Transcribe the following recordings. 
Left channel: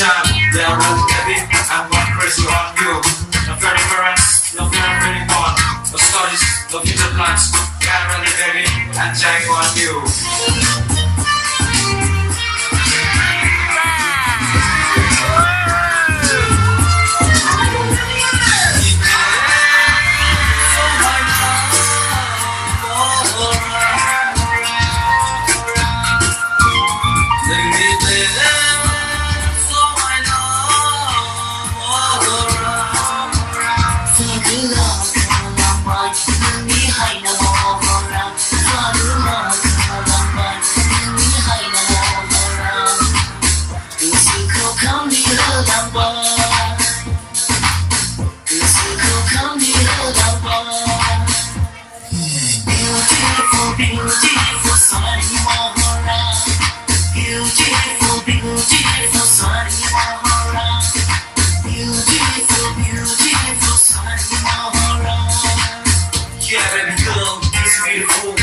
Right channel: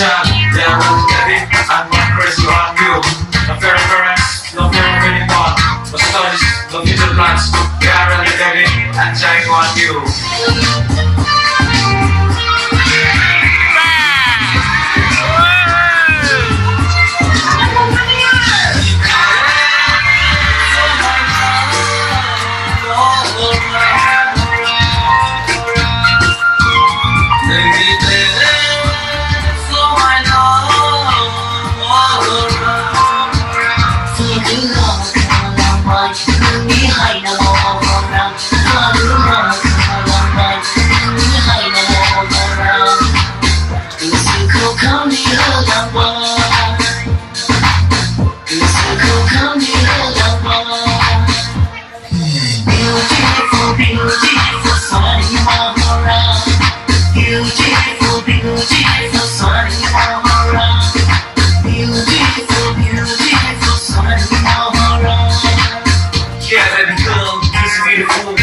time, yeah, well, baby, I'm going crazy on you. No fear of parents, no fear of anyone. No studies, no future plans. Yeah, really, baby, I'm dying on you.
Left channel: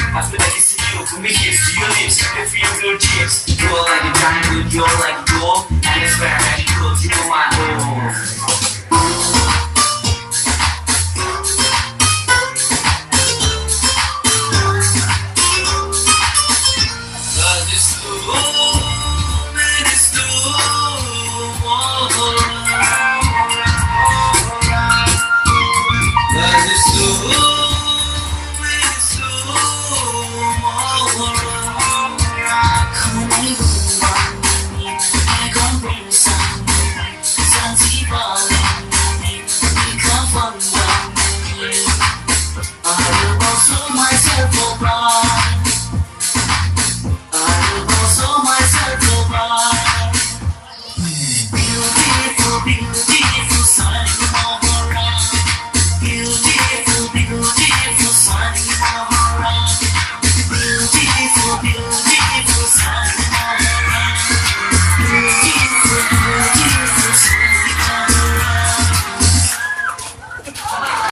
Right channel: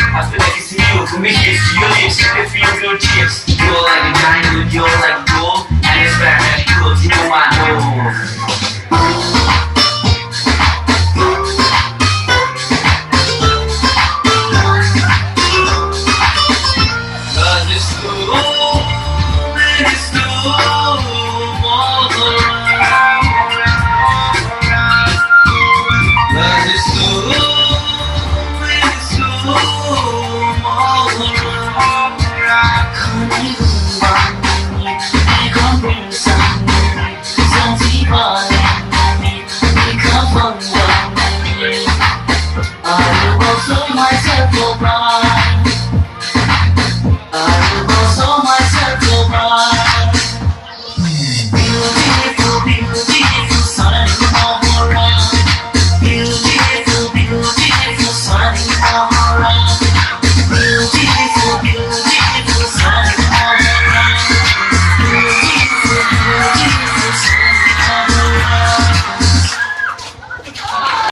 I feel like it's you, for me it's you, lips, I can feel your cheeks. You're like a diamond, you're like gold, and it's very good, you know my love. There's so many